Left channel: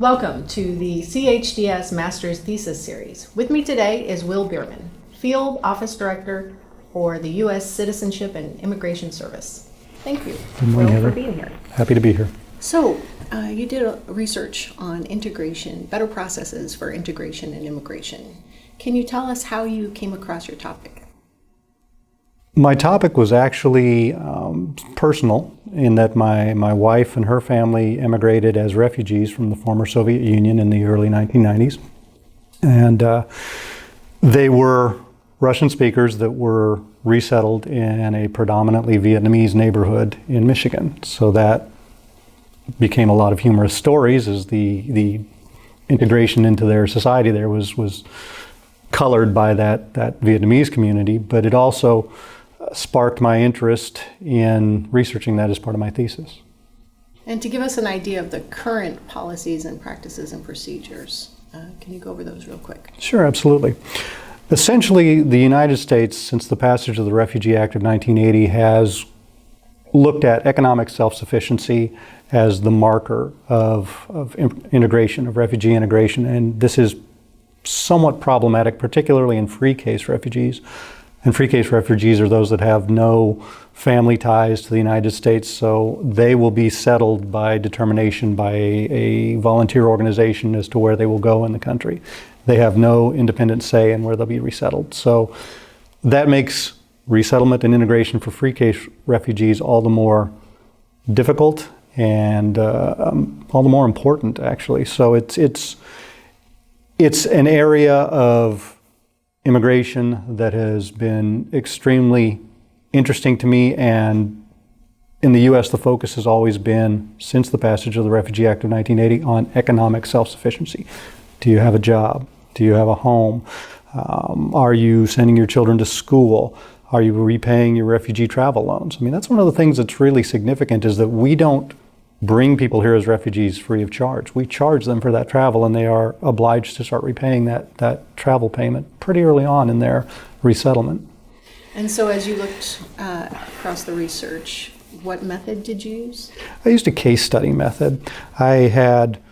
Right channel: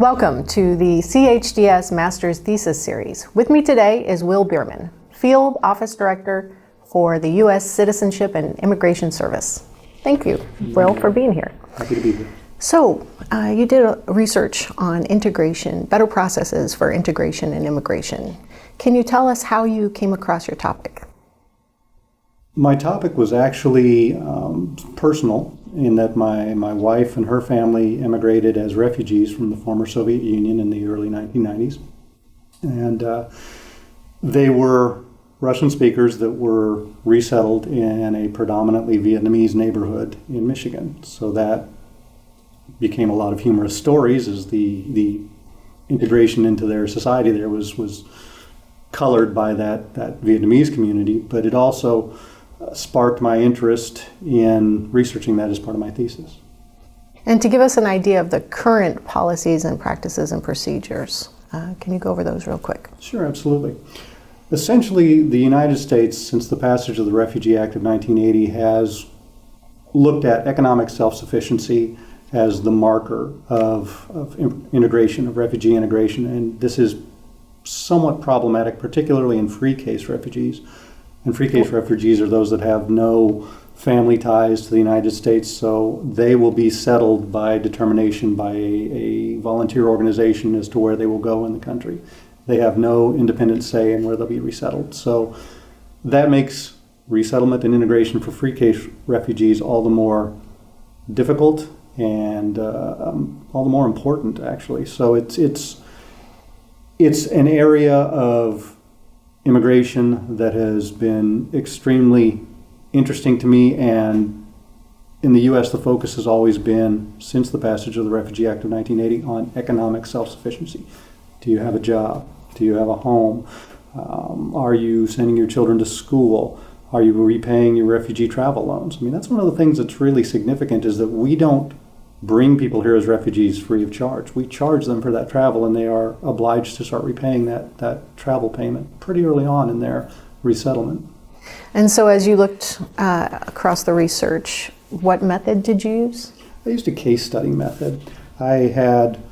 Welcome to the CHDS Master's Thesis Series. With me today is Will Bierman, Field Office Director for the U.S. Citizenship and Immigration Service. Thank you, Will, for being here. Happy to be here. So, you did research on integration, better processes for integration and immigration. Can you tell us how you came across your topic? My topic was actually personal in that my wife and her family immigrated as refugees from the former Soviet Union in the early 1990s. And they were Russian speakers that were resettled in a predominantly Vietnamese neighborhood in Michigan. So that became a lot of humorous stories as the integration into their society there was colored by that Vietnamese community, but it also sparked my interest in researching that as part of my thesis. And to give us an idea of the current policies and practices and procedures, can you go over those real quick? Sure, absolutely. Essentially, the United States, since the passage of the Refugee Act of 1980, has looked at economic self-sufficiency as the marker of integration, of refugee integration, and this is somewhat problematic, particularly in free case refugees. And free case refugees are those that have no family ties to the United States, so they will be settled by determination by a volunteer organization as to where they will go in the country. They have no independent say in where they'll be resettled. So that makes resettlement and integration for free case refugees all the more difficult and all the more important, actually. So it's an area of immigration that has been extremely interesting to me, and in the U.S. the focus has always been, since the passage of the Refugee Act of 1980, on economic self-sufficiency. Do you have a job? Do you have a home? Are you sending your children to school? Are you repaying your refugee travel loans? I mean, that's one of the things that's really significant, is that we don't bring people here as refugees free of charge. We charge them for that travel, and they are obliged to start repaying that travel payment pretty early on in their resettlement. And so as you looked across the research, what method did you use? I used a case study method. I had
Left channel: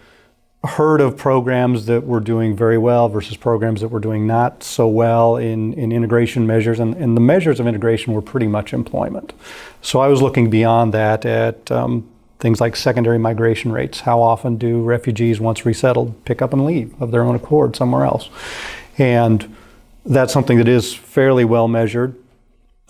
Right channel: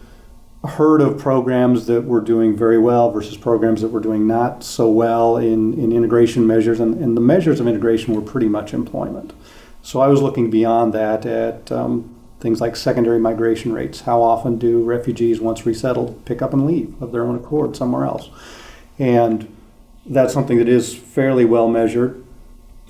heard of programs that were doing very well versus programs that were doing not so well in integration measures, and the measures of integration were pretty much employment. So I was looking beyond that at things like secondary migration rates. How often do refugees, once resettled, pick up and leave of their own accord somewhere else? And that's something that is fairly well measured.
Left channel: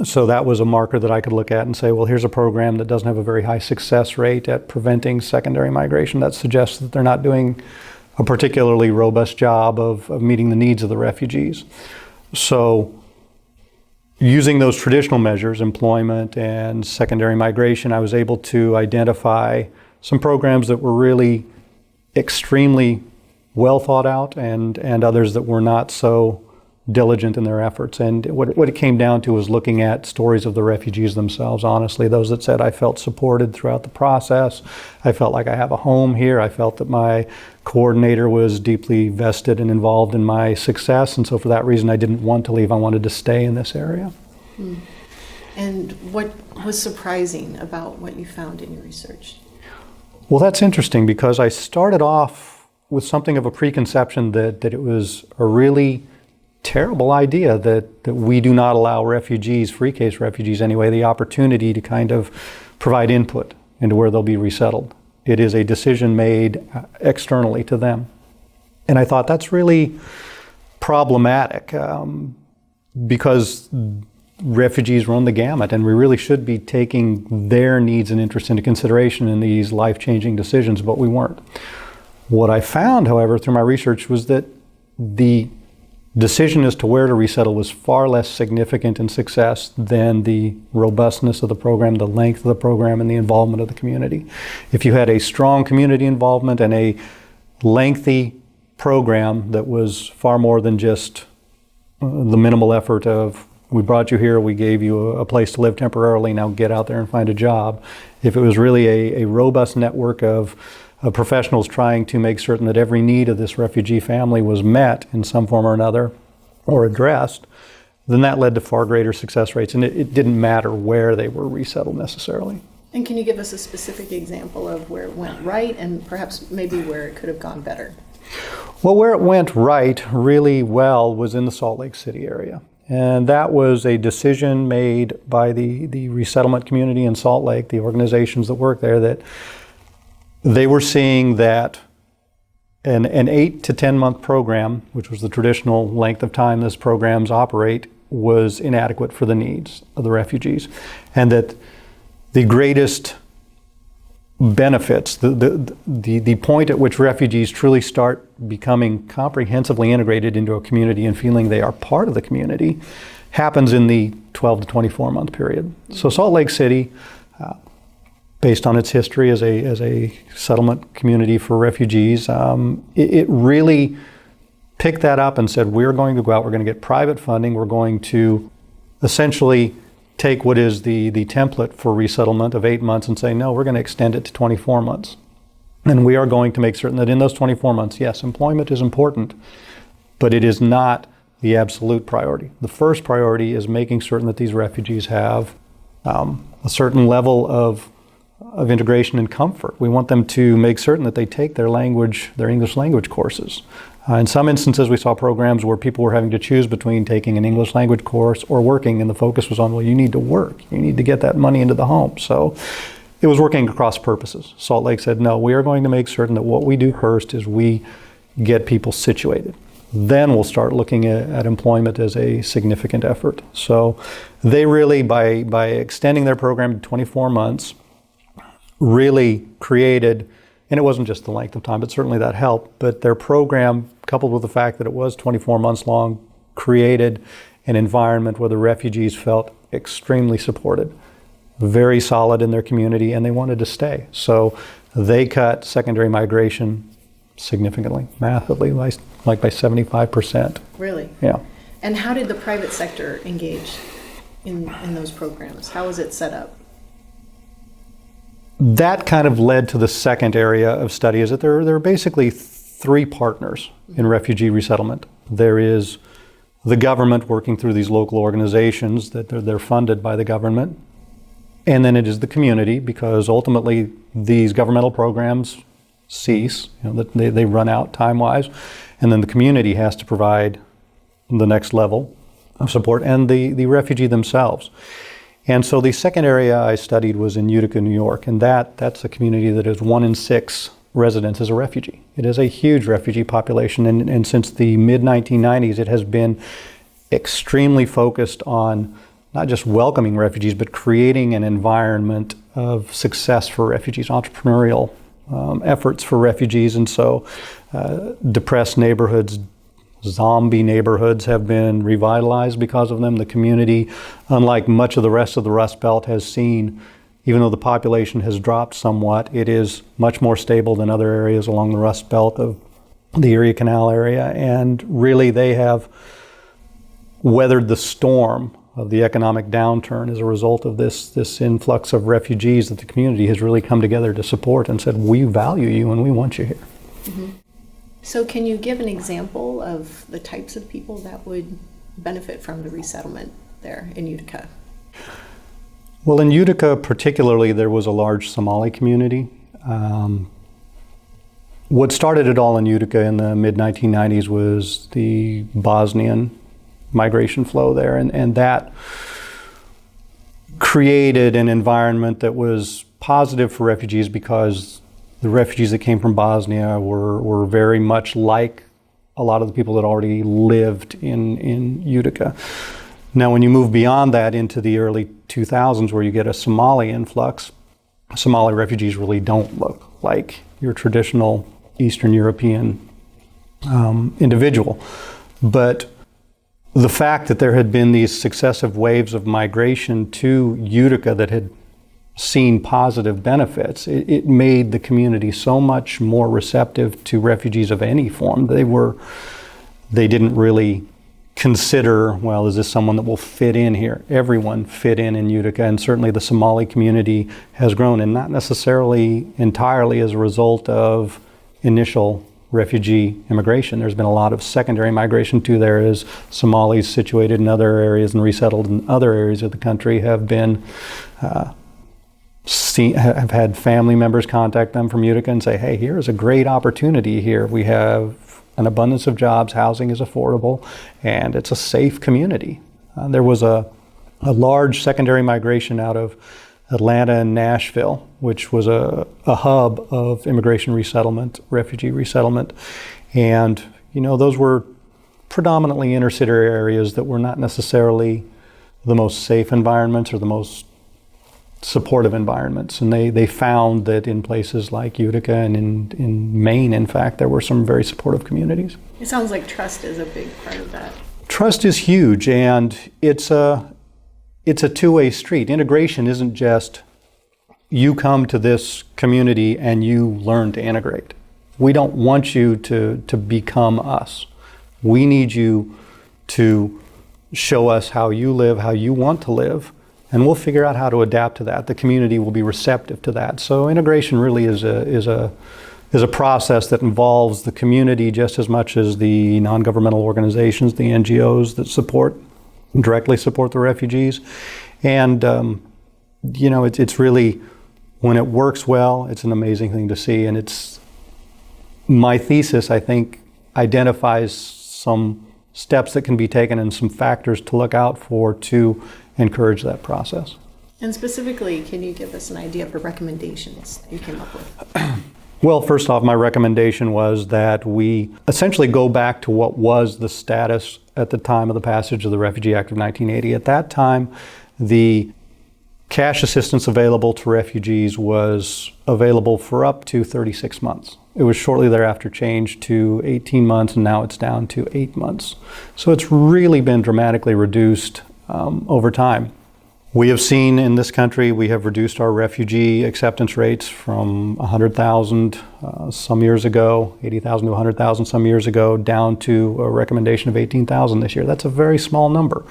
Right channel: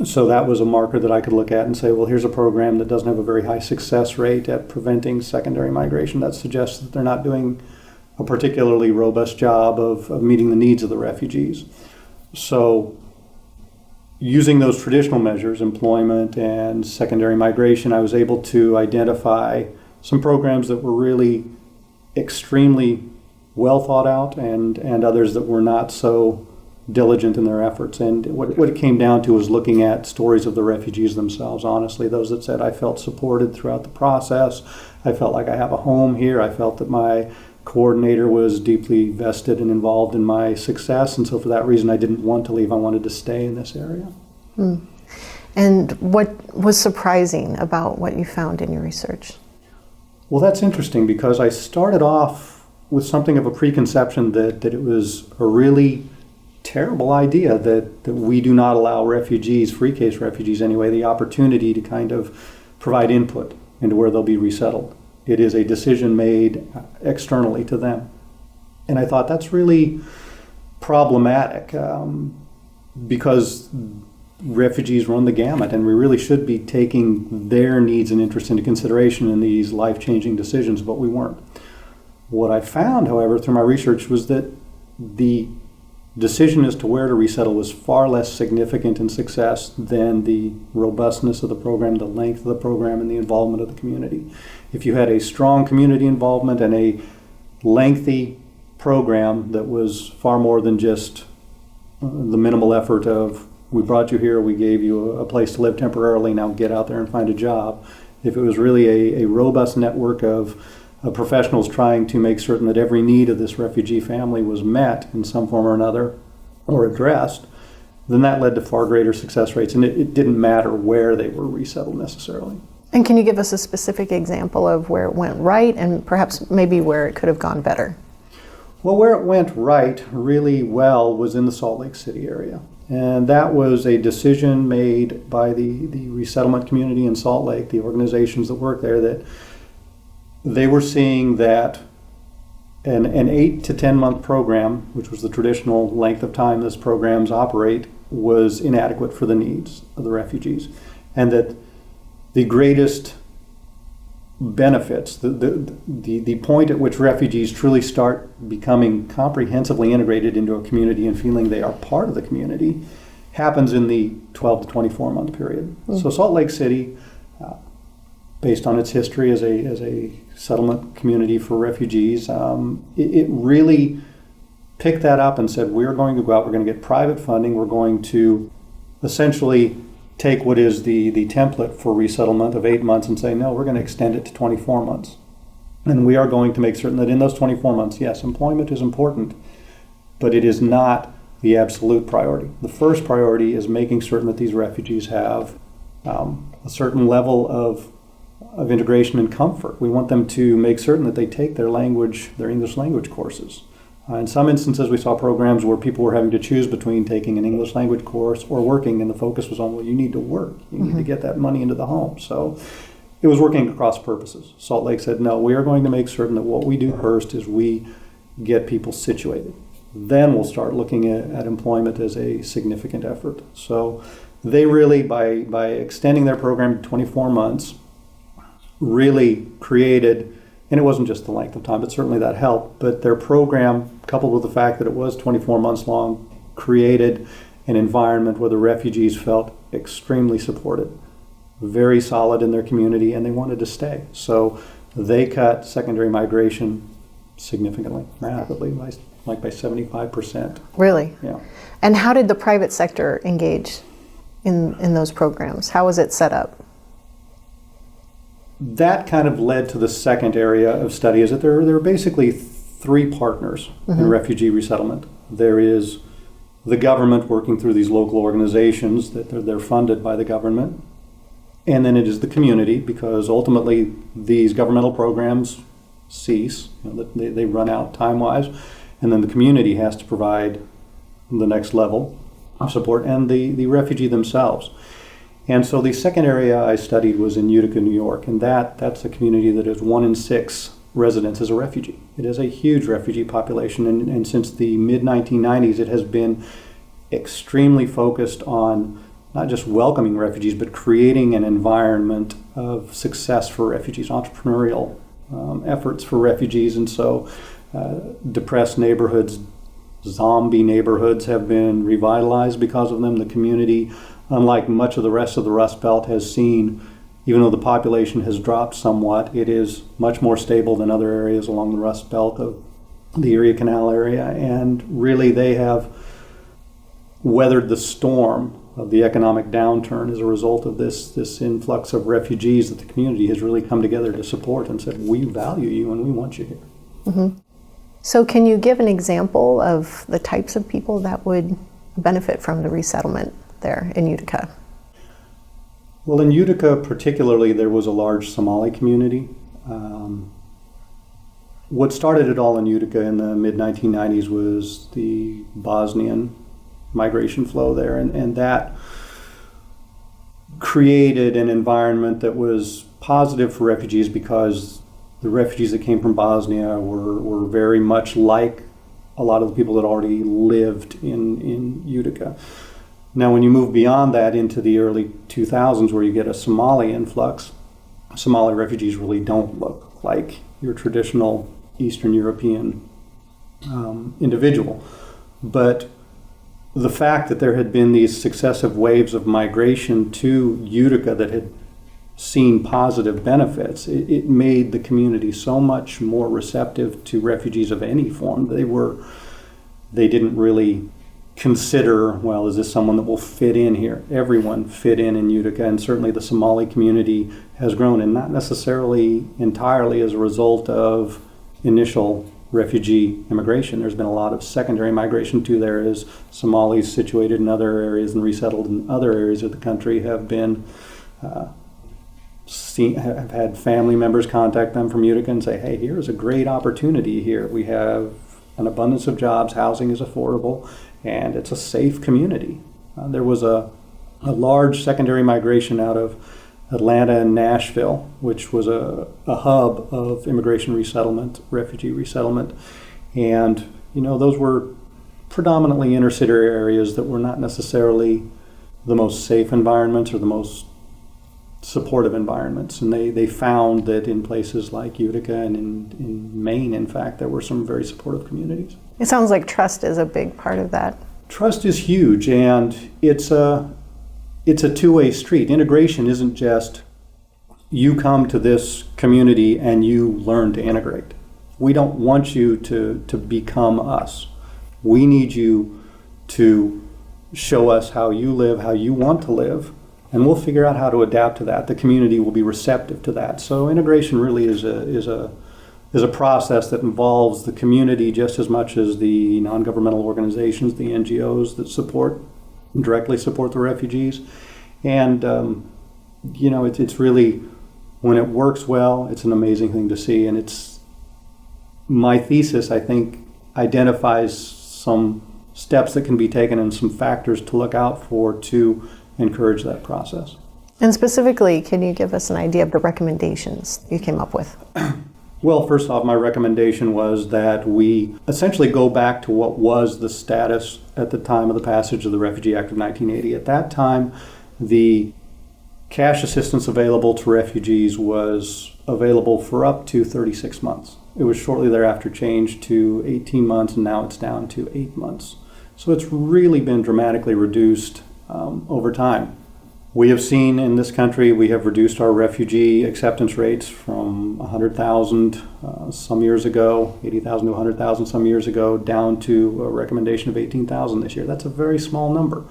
So that was a marker that I could look at and say, well, here's a program that doesn't have a very high success rate at preventing secondary migration. That suggests that they're not doing a particularly robust job of meeting the needs of the refugees. So using those traditional measures, employment and secondary migration, I was able to identify some programs that were really extremely well thought out and others that were not so diligent in their efforts. And what it came down to was looking at stories of the refugees themselves, honestly, those that said, I felt supported throughout the process. I felt like I have a home here. I felt that my coordinator was deeply vested and involved in my success, and so for that reason I didn't want to leave. I wanted to stay in this area. And what was surprising about what you found in your research? Well, that's interesting, because I started off with something of a preconception that it was a really terrible idea that we do not allow refugees, free case refugees anyway, the opportunity to kind of provide input into where they'll be resettled. It is a decision made externally to them. And I thought that's really problematic because refugees run the gamut, and we really should be taking their needs and interests into consideration in these life-changing decisions, but we weren't. What I found, however, through my research was that the decision as to where to resettle was far less significant in success than the robustness of the program, the length of the program, and the involvement of the community. If you had a strong community involvement and a lengthy program that was far more than just the minimal effort of, we brought you here, we gave you a place to live temporarily, now get out there and find a job. If it was really a robust network of professionals trying to make certain that every need of this refugee family was met in some form or another or addressed, then that led to far greater success rates, and it didn't matter where they were resettled necessarily. And can you give us a specific example of where it went right and perhaps maybe where it could have gone better? Well, where it went right really well was in the Salt Lake City area. And that was a decision made by the resettlement community in Salt Lake, the organizations that work there, that they were seeing that an 8 to 10 month program, which was the traditional length of time this programs operate, was inadequate for the needs of the refugees. And that the greatest benefits, the point at which refugees truly start becoming comprehensively integrated into a community and feeling they are part of the community, happens in the 12 to 24 month period. Mm-hmm. So Salt Lake City, based on its history as a settlement community for refugees, it really picked that up and said, we're going to go out, we're going to get private funding, we're going to essentially take what is the template for resettlement of 8 months and say, no, we're going to extend it to 24 months. And we are going to make certain that in those 24 months, yes, employment is important, but it is not the absolute priority. The first priority is making certain that these refugees have a certain level of integration and comfort. We want them to make certain that they take their English language courses. In some instances, we saw programs where people were having to choose between taking an English language course or working, and the focus was on, well, you need to work. You need to get that money into the home. So it was working across purposes. Salt Lake said, no, we are going to make certain that what we do first is we get people situated. Then we'll start looking at employment as a significant effort. So they really, by extending their program to 24 months, really created, and it wasn't just the length of time, but certainly that helped, but their program, coupled with the fact that it was 24 months long, created an environment where the refugees felt extremely supported, very solid in their community, and they wanted to stay. So they cut secondary migration significantly, massively, by 75%. Really? Yeah. And how did the private sector engage in those programs? How was it set up? That kind of led to the second area of study, is that there are basically three partners in refugee resettlement. There is the government working through these local organizations that they're funded by the government. And then it is the community, because ultimately these governmental programs cease, they run out time-wise. And then the community has to provide the next level of support, and the refugee themselves. And so the second area I studied was in Utica, New York, and that's a community that is 1 in 6 residents is a refugee. It is a huge refugee population, and since the mid-1990s, it has been extremely focused on not just welcoming refugees, but creating an environment of success for refugees, entrepreneurial efforts for refugees. And so depressed neighborhoods, zombie neighborhoods have been revitalized because of them. The community, unlike much of the rest of the Rust Belt, has seen, even though the population has dropped somewhat, it is much more stable than other areas along the Rust Belt of the Erie Canal area. And really they have weathered the storm of the economic downturn as a result of this influx of refugees that the community has really come together to support and said, we value you and we want you here. Mm-hmm. So can you give an example of the types of people that would benefit from the resettlement there in Utica? Well, in Utica particularly, there was a large Somali community. What started it all in Utica in the mid-1990s was the Bosnian migration flow there, and that created an environment that was positive for refugees, because the refugees that came from Bosnia were very much like a lot of the people that already lived in Utica. Now, when you move beyond that into the early 2000s, where you get a Somali influx, Somali refugees really don't look like your traditional Eastern European individual. But the fact that there had been these successive waves of migration to Utica that had seen positive benefits, it made the community so much more receptive to refugees of any form. They didn't really consider, well, is this someone that will fit in here? Everyone fit in Utica, and certainly the Somali community has grown, and not necessarily entirely as a result of initial refugee immigration. There's been a lot of secondary migration too there, as Somalis situated in other areas and resettled in other areas of the country have been have had family members contact them from Utica and say, hey, here is a great opportunity here. We have an abundance of jobs, housing is affordable, and it's a safe community. There was a large secondary migration out of Atlanta and Nashville, which was a hub of immigration resettlement, refugee resettlement. And, those were predominantly inner city areas that were not necessarily the most safe environments or the most supportive environments. And they found that in places like Utica and in Maine, in fact, there were some very supportive communities. It sounds like trust is a big part of that. Trust is huge, and it's a two-way street. Integration isn't just you come to this community and you learn to integrate. We don't want you to become us. We need you to show us how you live, how you want to live, and we'll figure out how to adapt to that. The community will be receptive to that. So integration really is a process that involves the community just as much as the non-governmental organizations, the NGOs that directly support the refugees. And it's really, when it works well, it's an amazing thing to see. And my thesis, I think, identifies some steps that can be taken and some factors to look out for to encourage that process. And specifically, can you give us an idea of the recommendations you came up with? Well, first off, my recommendation was that we essentially go back to what was the status at the time of the passage of the Refugee Act of 1980. At that time, the cash assistance available to refugees was available for up to 36 months. It was shortly thereafter changed to 18 months, and now it's down to 8 months. So it's really been dramatically reduced over time. We have seen in this country, we have reduced our refugee acceptance rates from 100,000 some years ago, 80,000 to 100,000 some years ago, down to a recommendation of 18,000 this year. That's a very small number.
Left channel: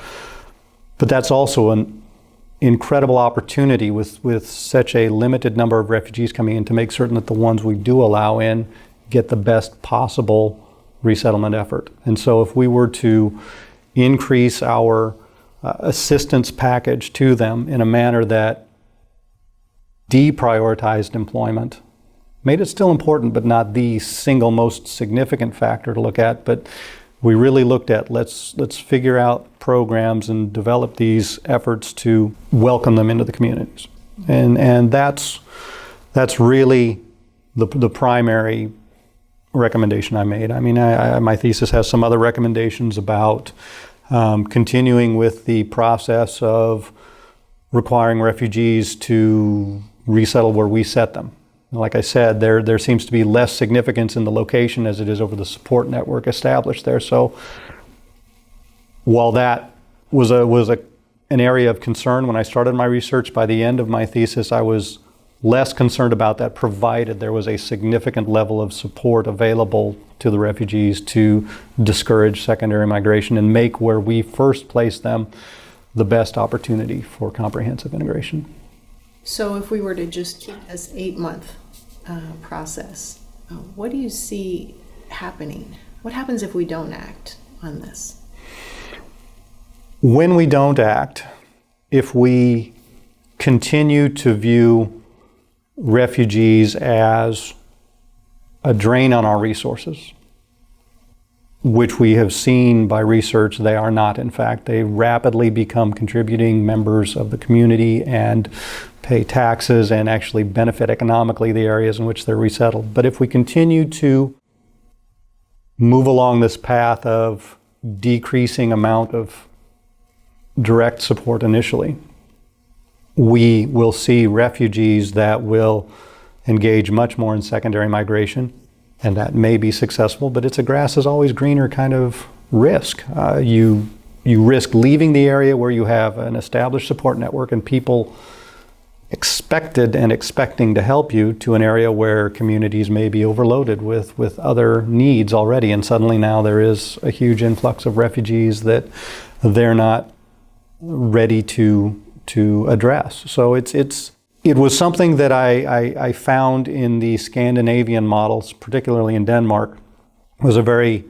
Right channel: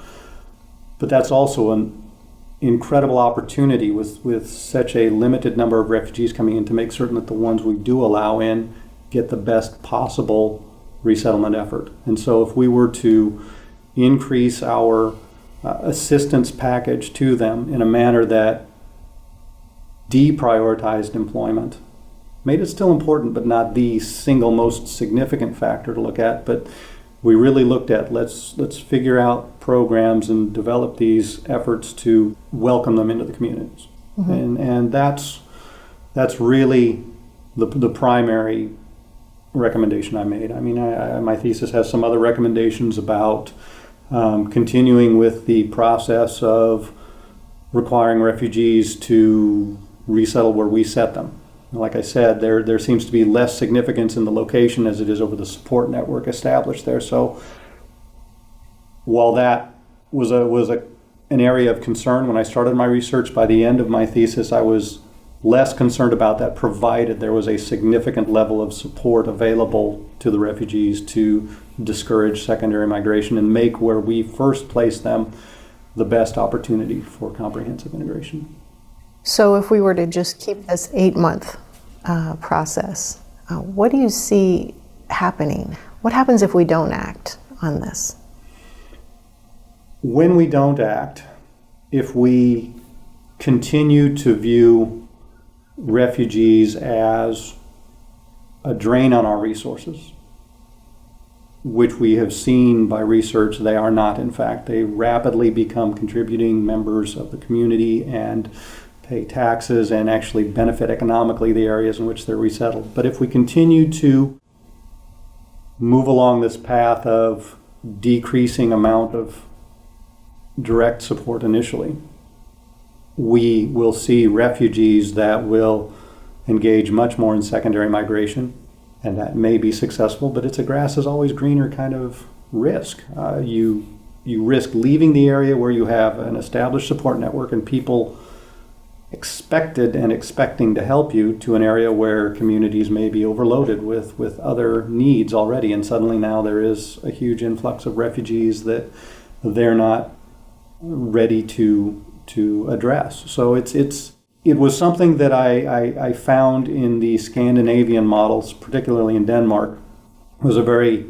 But that's also an incredible opportunity with such a limited number of refugees coming in to make certain that the ones we do allow in get the best possible resettlement effort. And so if we were to increase our assistance package to them in a manner that deprioritized employment, made it still important but not the single most significant factor to look at, but we really looked at let's figure out programs and develop these efforts to welcome them into the communities. Mm-hmm. And that's really the primary recommendation I made. I mean, my thesis has some other recommendations about continuing with the process of requiring refugees to resettle where we set them. Like I said, there seems to be less significance in the location as it is over the support network established there. So while that was an area of concern when I started my research, by the end of my thesis I was less concerned about that, provided there was a significant level of support available to the refugees to discourage secondary migration and make where we first placed them the best opportunity for comprehensive integration. So if we were to just keep this 8-month process, what do you see happening? What happens if we don't act on this? When we don't act, if we continue to view refugees as a drain on our resources, which we have seen by research they are not. In fact, they rapidly become contributing members of the community and pay taxes and actually benefit economically the areas in which they're resettled. But if we continue to move along this path of decreasing amount of direct support initially, we will see refugees that will engage much more in secondary migration, and that may be successful, but it's a grass is always greener kind of risk. You risk leaving the area where you have an established support network and people expected and expecting to help you, to an area where communities may be overloaded with other needs already, and suddenly now there is a huge influx of refugees that they're not ready to address. So it was something that I found in the Scandinavian models, particularly in Denmark, was a very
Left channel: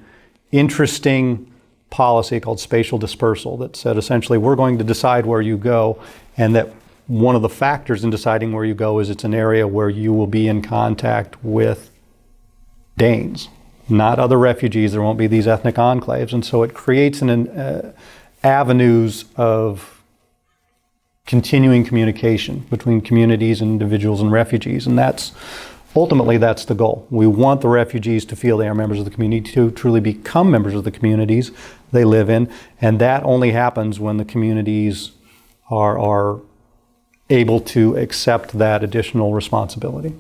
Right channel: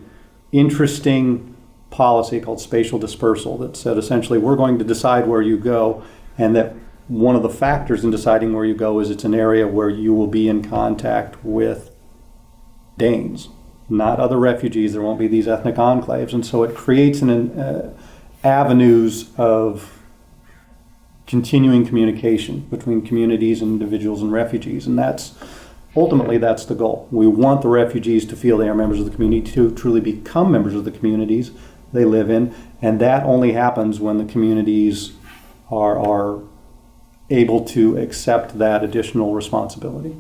interesting policy called spatial dispersal that said essentially we're going to decide where you go, and that one of the factors in deciding where you go is it's an area where you will be in contact with Danes, not other refugees. There won't be these ethnic enclaves. And so it creates avenues of continuing communication between communities and individuals and refugees. And ultimately that's the goal. We want the refugees to feel they are members of the community, to truly become members of the communities they live in. And that only happens when the communities are able to accept that additional responsibility.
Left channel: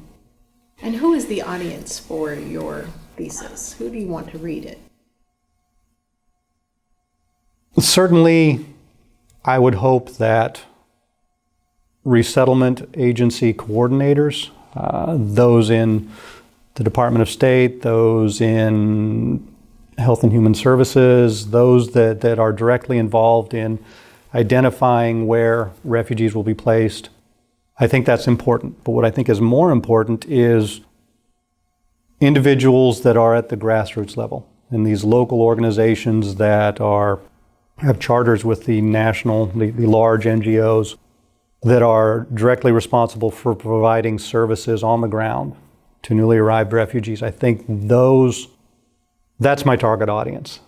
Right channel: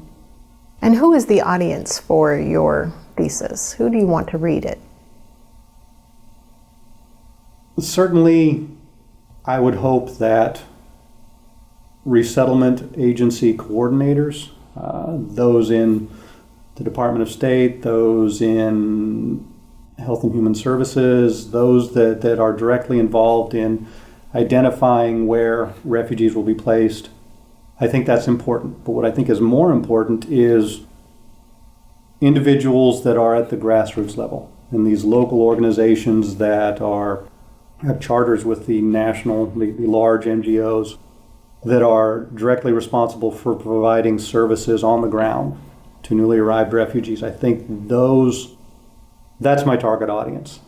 And who is the audience for your thesis? Who do you want to read it? Certainly, I would hope that resettlement agency coordinators, those in the Department of State, those in Health and Human Services, those that are directly involved in identifying where refugees will be placed. I think that's important. But what I think is more important is individuals that are at the grassroots level, in these local organizations that have charters with the large NGOs that are directly responsible for providing services on the ground to newly arrived refugees. I think that's my target audience.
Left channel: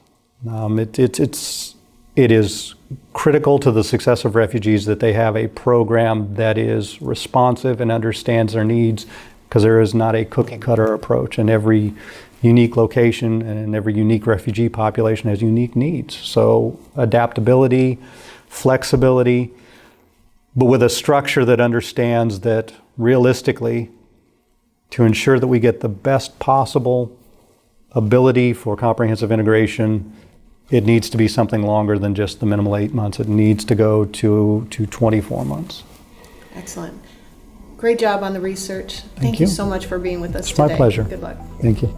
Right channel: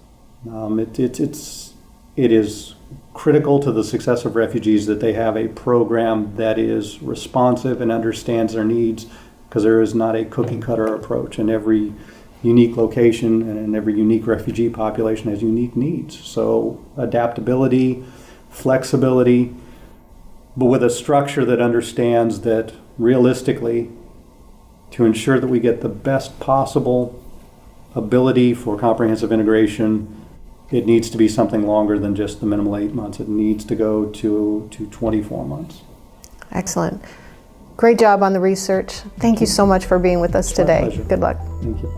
It is critical to the success of refugees that they have a program that is responsive and understands their needs, because there is not a cookie cutter approach, and every unique location and every unique refugee population has unique needs. So adaptability, flexibility, but with a structure that understands that realistically, to ensure that we get the best possible ability for comprehensive integration, it needs to be something longer than just the minimal 8 months. It needs to go to 24 months. Excellent. Great job on the research. Thank you so much for being with us today. My pleasure. Good luck. Thank you.